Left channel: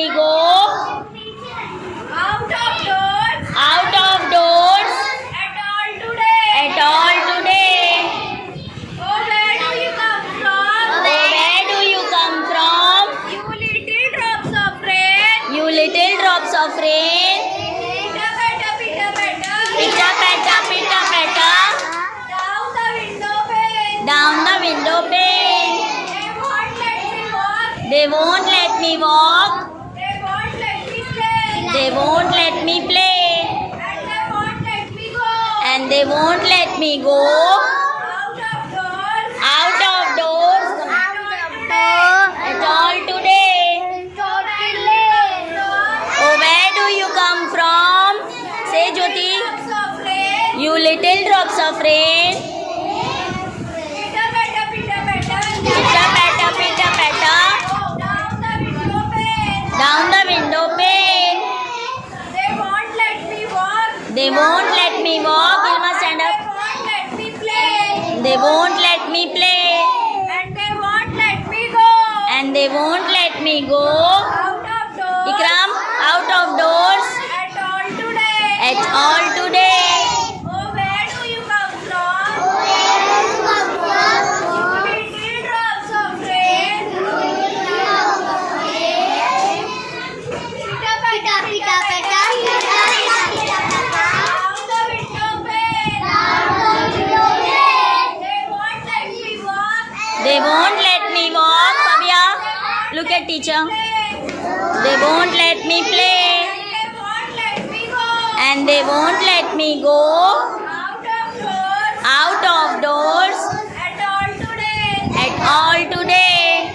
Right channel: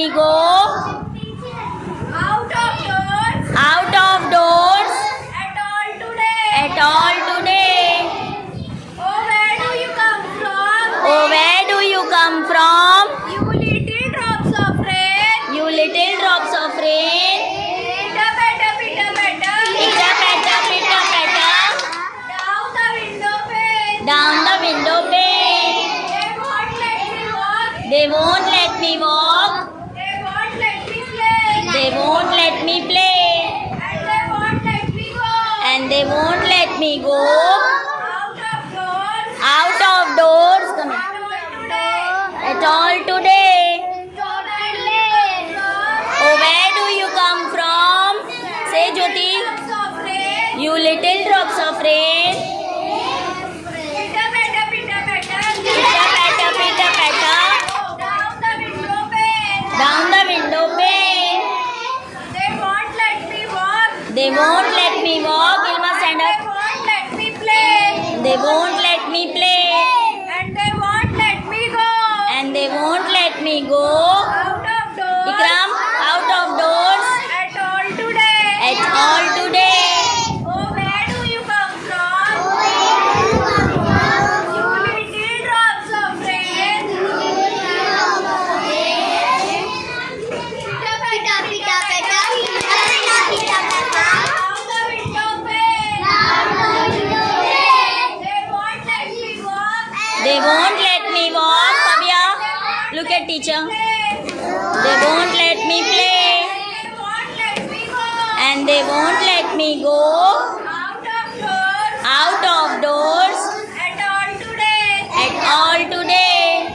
me go out of doors out of doors at all today. at all today. Oh, where do you come from? Oh, where do you come from? You little drops of rain. You little drops of rain. Pitta patta, pitta patta. Pitta patta, pitta patta. Down the window pane. Down the window pane. They won't let me walk. They won't let me walk. They won't let me play. They won't let me play. And they won't let me And they won't let me go. go Out of doors. out of doors At all at all today. Oh, where do you come from? Say, Jyoti. You little drops of rain. Pitta patta, pitta patta. Pitta patta, pitta patta. Down the window pane. Down the window pane. They won't let me walk. They won't let me walk. Ilma, stand They up. won't let me play. They won't let me play. And they won't let me go. And they won't let me go. Out of doors. Ikram, out of doors At all today. at all today. Oh, where do you come from? Little drops of rain. Pitta patta, pitta patta. Down the window pane. They won't let me walk. They won't let me walk. Pavya, look at teacher. They won't let me play. They won't let me go. And they won't let me go Out of doors. out of doors At all today. at all today.